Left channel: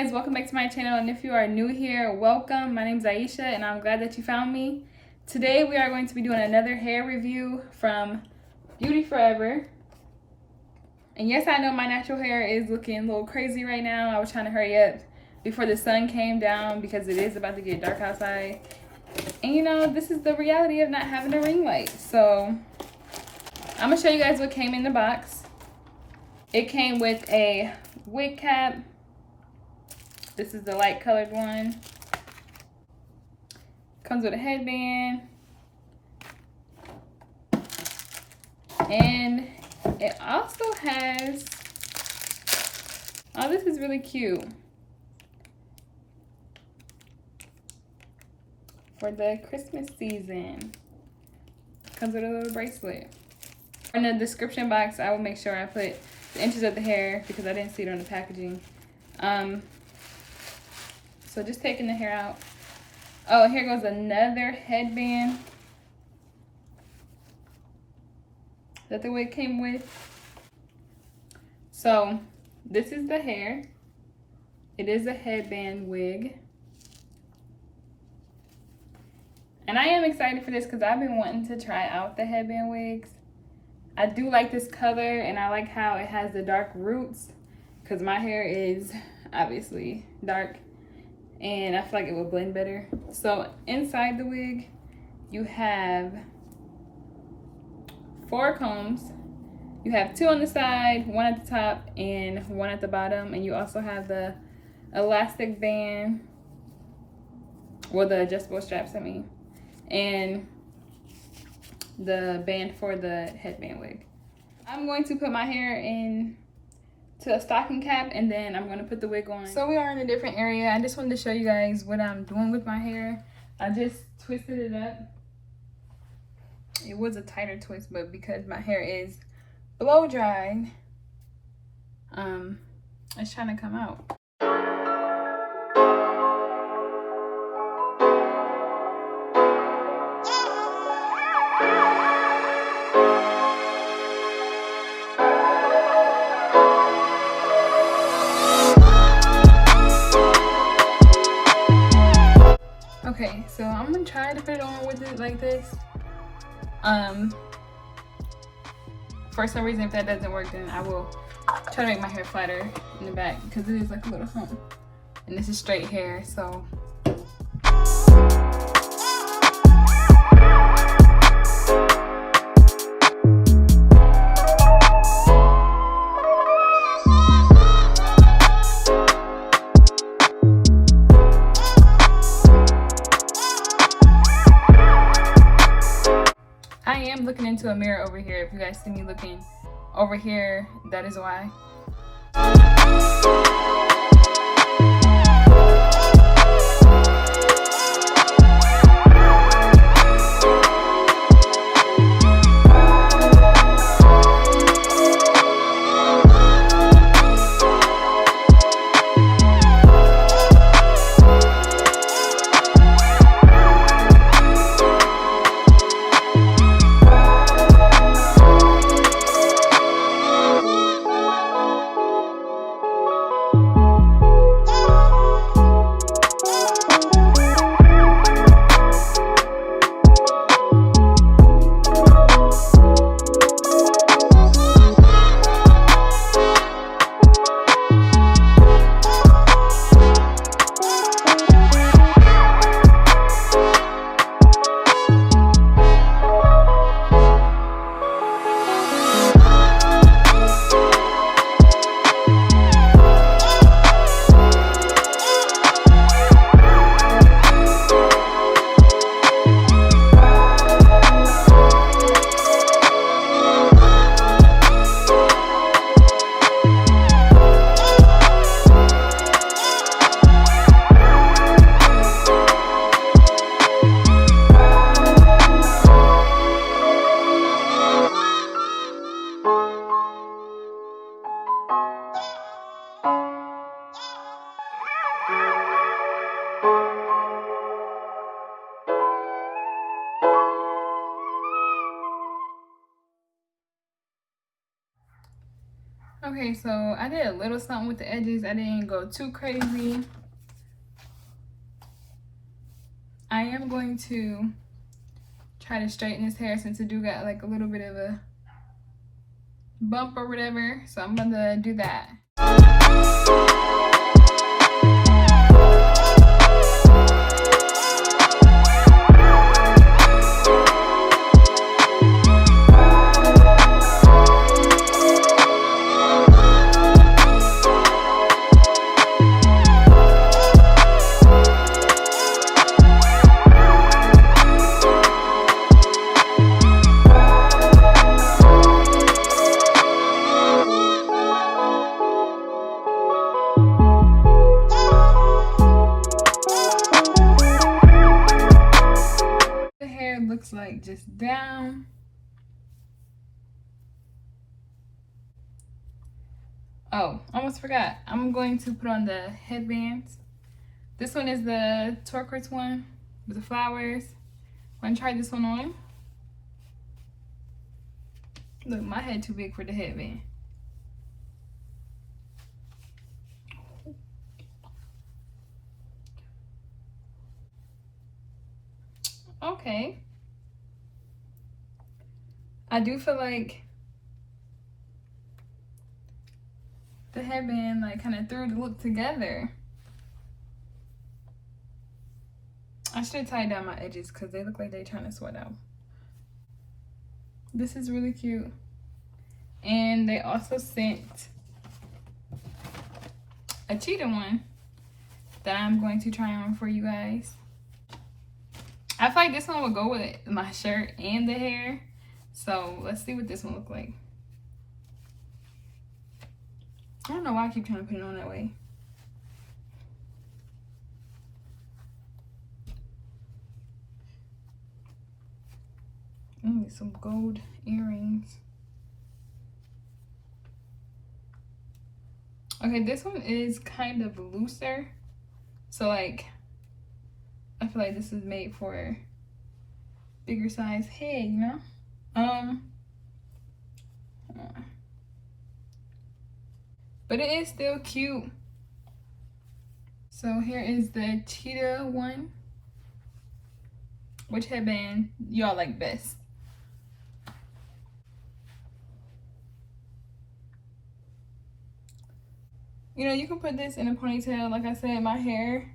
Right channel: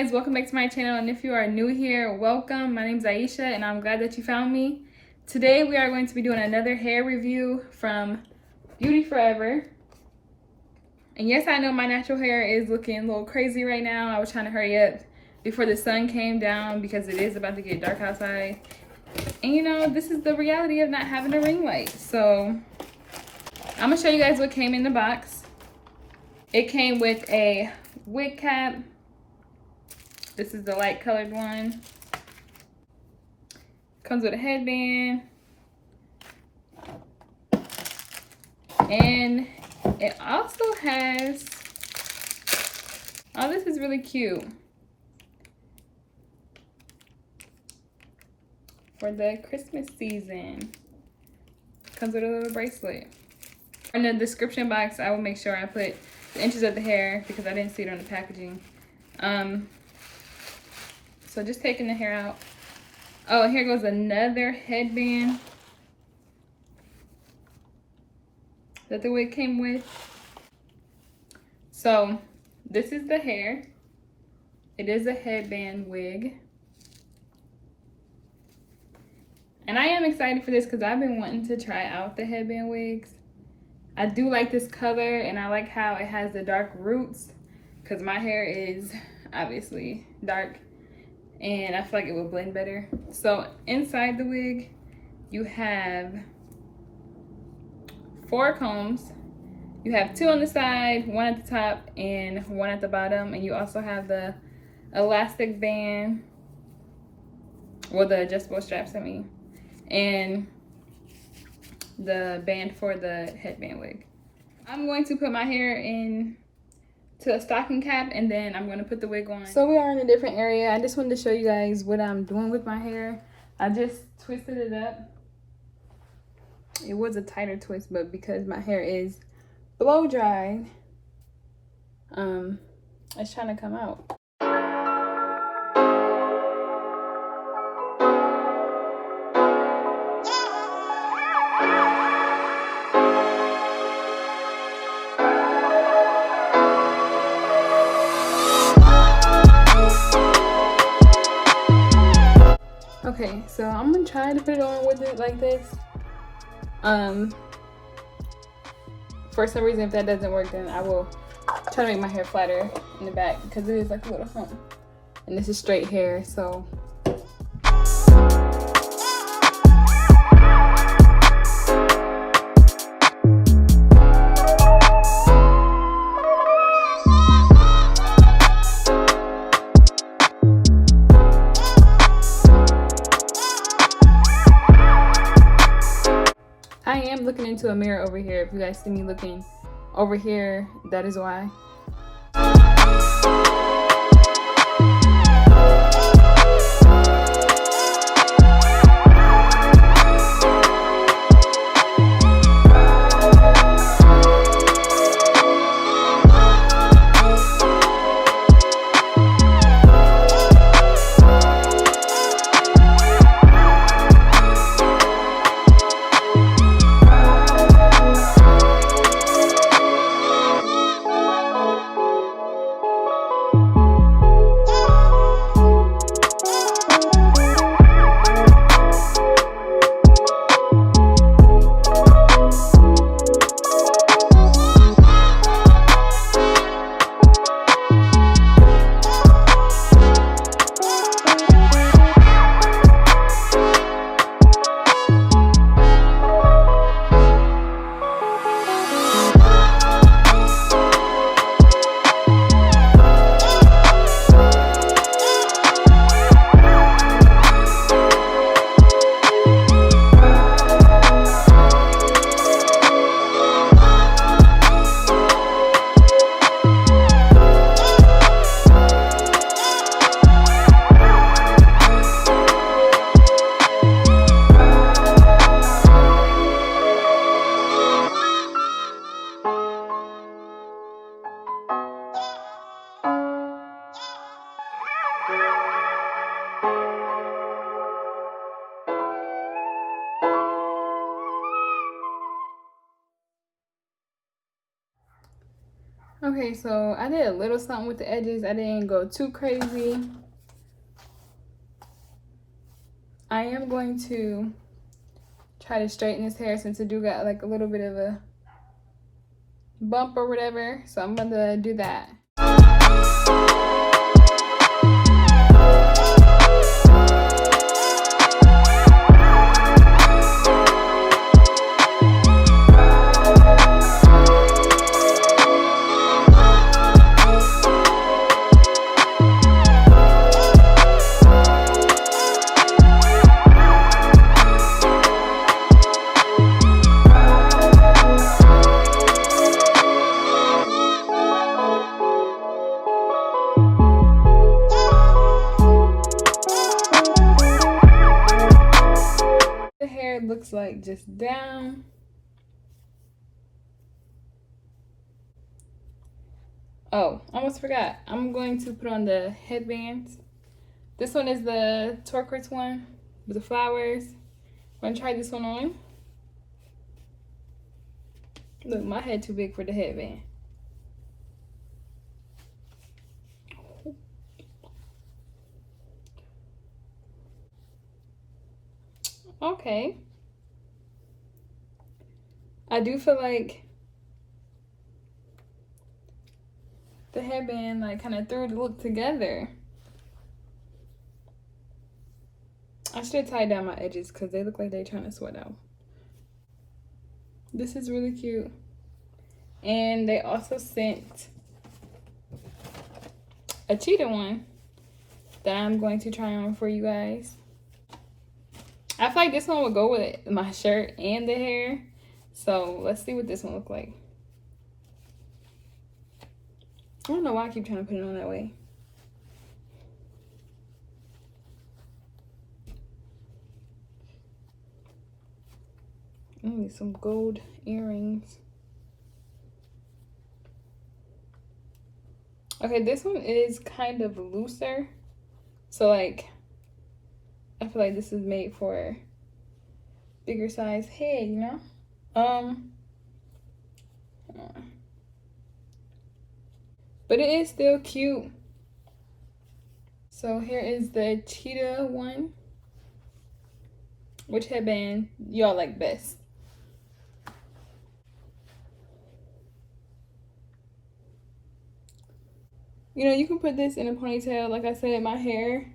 guys, welcome back to my channel, and if you are new here, welcome. My name is Aisha and I'm glad that you found me. Today we are going to be doing another hair review from Beauty Forever. And yes, I know my natural hair is looking a little crazy right now. I was trying to hurry up before the sun came down because it is about to get dark outside. And you know, this is the reality of not having a ring light. So I'm gonna show you guys what came in the box. It came with a wig cap. This is the light colored one. Comes with a headband. And it also has, oh, this is really cute. For the Christmas season. Comes with a little bracelet. In the description box, I will make sure I put the inches of the hair because I didn't see it on the packaging. So just taking the hair out. Oh, here goes another headband that the wig came with. So this is the hair. It is a headband wig. And I am excited for this because I've been wanting to try out the headband wigs. I do like this color and I like how it has the dark roots because my hair is obviously dark and I feel like it would blend better. So inside the wig, you have 4 combs. You have 2 on the side, 1 at the top and 1 at the bottom. And you also have the elastic band, well, the adjustable straps, I mean, and the band for the headband wig. I'm going to put my hair in to a stocking cap and then I'm going to put the wig on. So we are in a different area. I just wanted to show you guys what I'm doing with my hair. I just twisted it up. It was a tighter twist, but because my hair is blow dried, it's trying to come out. Okay, so I'm gonna try to put it on with it like this. For some reason, if that doesn't work, then I will try to make my hair flatter in the back because it is like a little hump. And this is straight hair, so. Looking into a mirror over here. If you guys see me looking over here, that is why. Okay, so I did a little something with the edges. I didn't go too crazy. I am going to try to straighten his hair since it do got like a little bit of a bump or whatever. So I'm gonna do that. Looks like just down. Oh, almost forgot. I'm going to put on the headbands. This one is the turquoise one with the flowers. I'm gonna try this one on. Look, my head too big for the headband. Okay. I do feel like the headband like kind of threw the look together. I should tie down my edges because they look like they're trying to sweat out. This is really cute. And they also sent a cheetah one that I'm going to try on for you guys. I feel like this one will go with my shirt and the hair. So let's see what this one looks like. I don't know why I keep trying to put it on that way. Ooh, some gold earrings. Okay, this one is kind of looser. So like, I feel like this is made for bigger size head, you know? But it is still cute. So here is the cheetah one. Which headband y'all like best? You know, you can put this in a ponytail. Like I said, my hair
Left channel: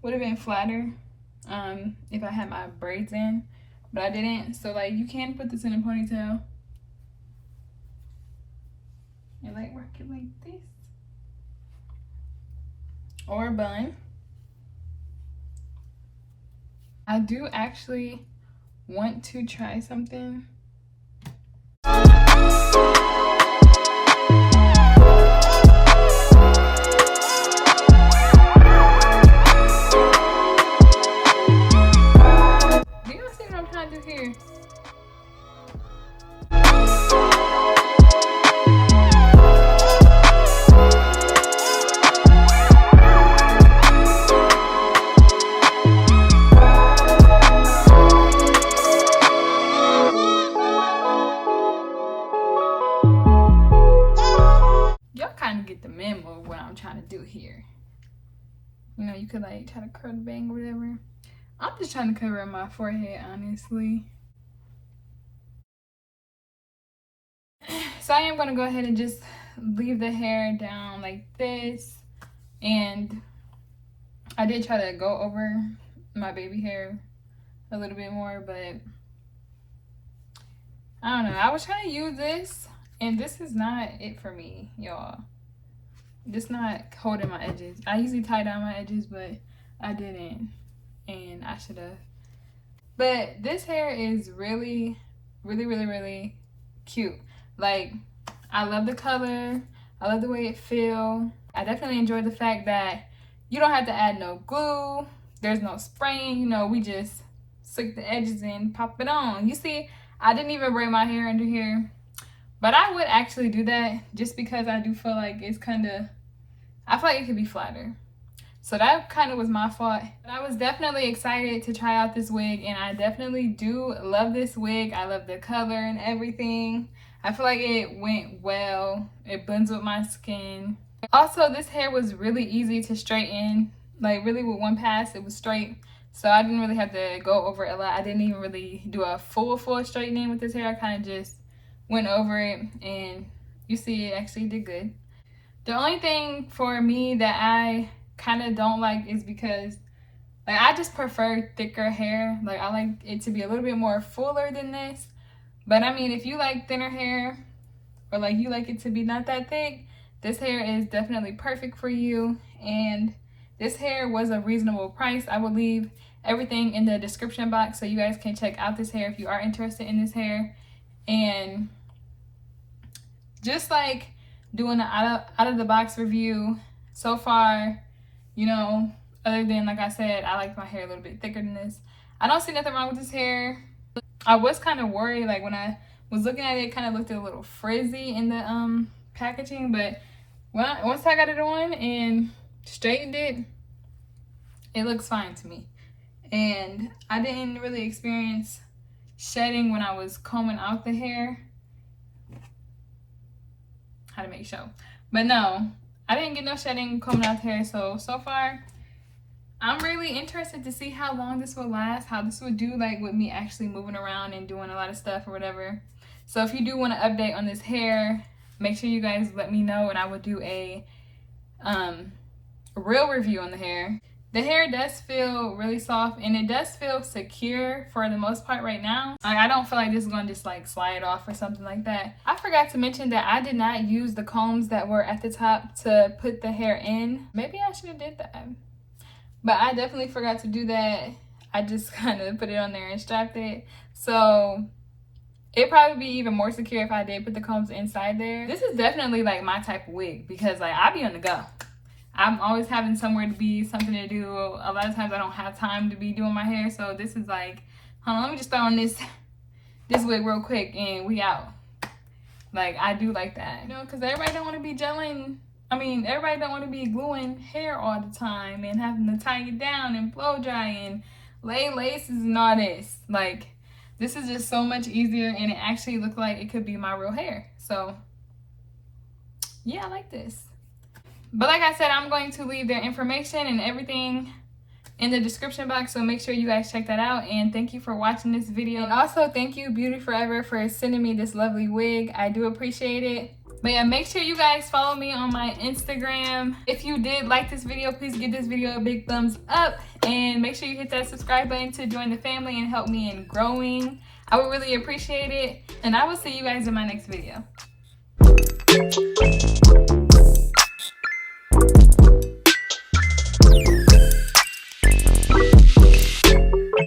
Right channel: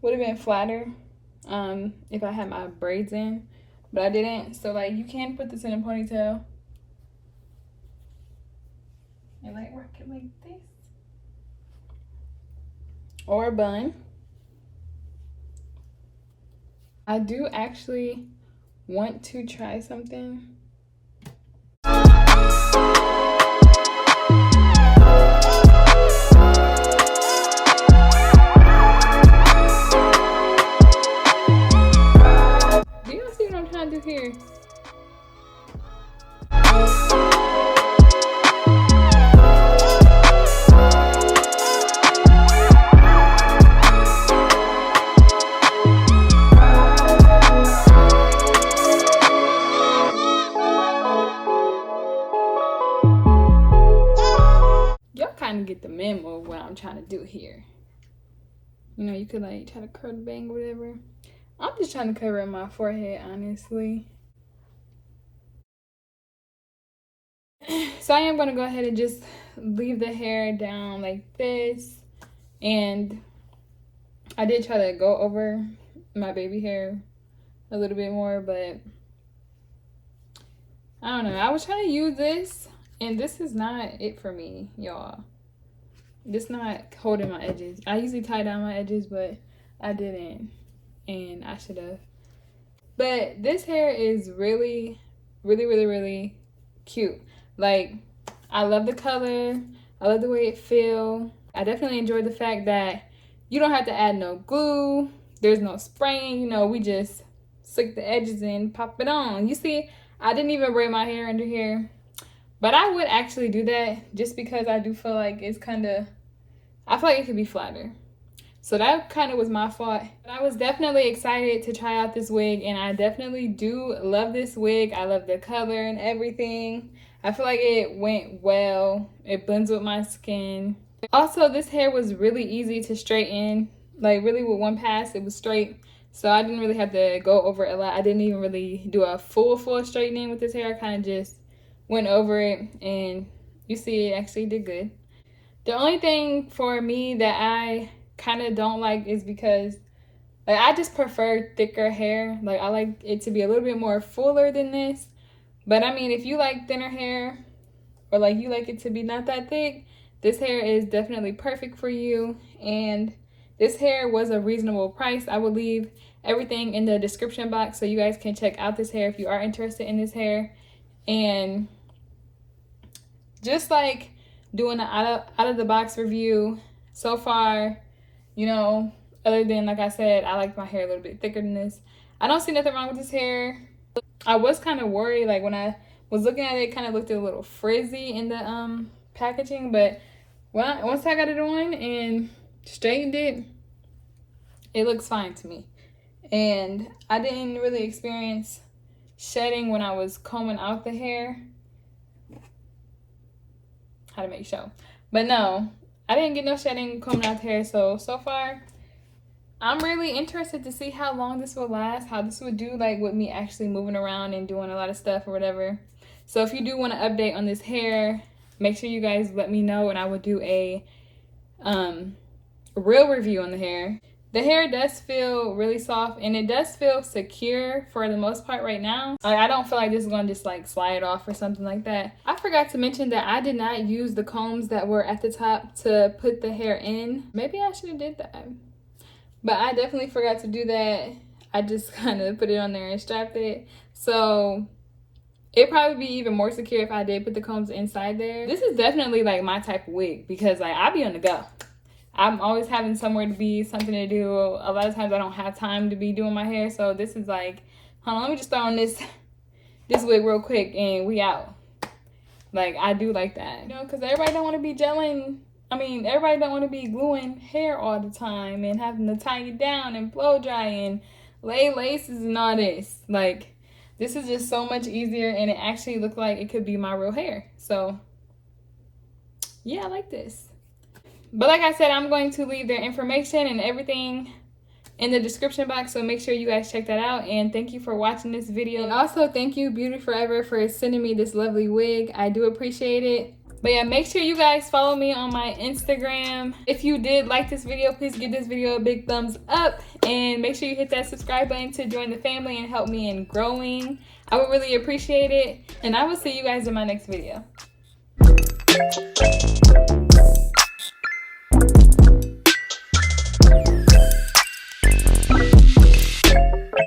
would have been flatter if I had my braids in, but I didn't. So like, you can put this in a ponytail and like rock it like this, or a bun. I do actually want to try something. Here. Y'all kind of get the memo of what I'm trying to do here. You know, you could like try to curl the bang or whatever. I'm just trying to cover my forehead, honestly. So I am going to go ahead and just leave the hair down like this. And I did try to go over my baby hair a little bit more, but I don't know. I was trying to use this, and this is not it for me, y'all. This not holding my edges. I usually tie down my edges, but I didn't. And I should have. But this hair is really, really, really, really cute. Like, I love the color. I love the way it feels. I definitely enjoy the fact that you don't have to add no glue. There's no spraying. You know, we just stick the edges in, pop it on. You see, I didn't even braid my hair under here. But I would actually do that just because I do feel like it's kind of, I feel like it could be flatter. So that kind of was my fault. But I was definitely excited to try out this wig, and I definitely do love this wig. I love the color and everything. I feel like it went well. It blends with my skin. Also, this hair was really easy to straighten. Like, really with one pass, it was straight. So I didn't really have to go over it a lot. I didn't even really do a full straightening with this hair. I kind of just went over it, and you see it actually did good. The only thing for me that I kind of don't like is because, like, I just prefer thicker hair. Like, I like it to be a little bit more fuller than this. But I mean, if you like thinner hair, or like you like it to be not that thick, this hair is definitely perfect for you. And this hair was a reasonable price. I will leave everything in the description box so you guys can check out this hair if you are interested in this hair. And just like doing an out of the box review so far, you know, other than, like I said, I like my hair a little bit thicker than this, I don't see nothing wrong with this hair. I was kind of worried, like when I was looking at it, it kind of looked a little frizzy in the packaging, but once I got it on and straightened it, it looks fine to me. And I didn't really experience shedding when I was combing out the hair. How to make sure. But no, I didn't get no shedding combing out the hair. So far, I'm really interested to see how long this will last, how this would do like with me actually moving around and doing a lot of stuff or whatever. So if you do want an update on this hair, make sure you guys let me know, and I will do a real review on the hair. The hair does feel really soft, and it does feel secure for the most part right now. I don't feel like this is gonna just like slide off or something like that. I forgot to mention that I did not use the combs that were at the top to put the hair in. Maybe I should have did that, but I definitely forgot to do that. I just kind of put it on there and strapped it. So it'd probably be even more secure if I did put the combs inside there. This is definitely like my type of wig, because like I'll be on the go. I'm always having somewhere to be, something to do. A lot of times I don't have time to be doing my hair. So this is like, hold on, let me just throw on this wig real quick and we out. Like, I do like that, you know, because everybody don't want to be gelling. I mean, everybody don't want to be gluing hair all the time and having to tie it down and blow dry and lay laces and all this. Like, this is just so much easier, and it actually looked like it could be my real hair. So yeah, I like this. But like I said, I'm going to leave their information and everything in the description box, so make sure you guys check that out. And thank you for watching this video. And also thank you, Beauty Forever, for sending me this lovely wig. I do appreciate it. But yeah, make sure you guys follow me on my Instagram. If you did like this video, please give this video a big thumbs up, and make sure you hit that subscribe button to join the family and help me in growing. I would really appreciate it, and I will see you guys in my next video.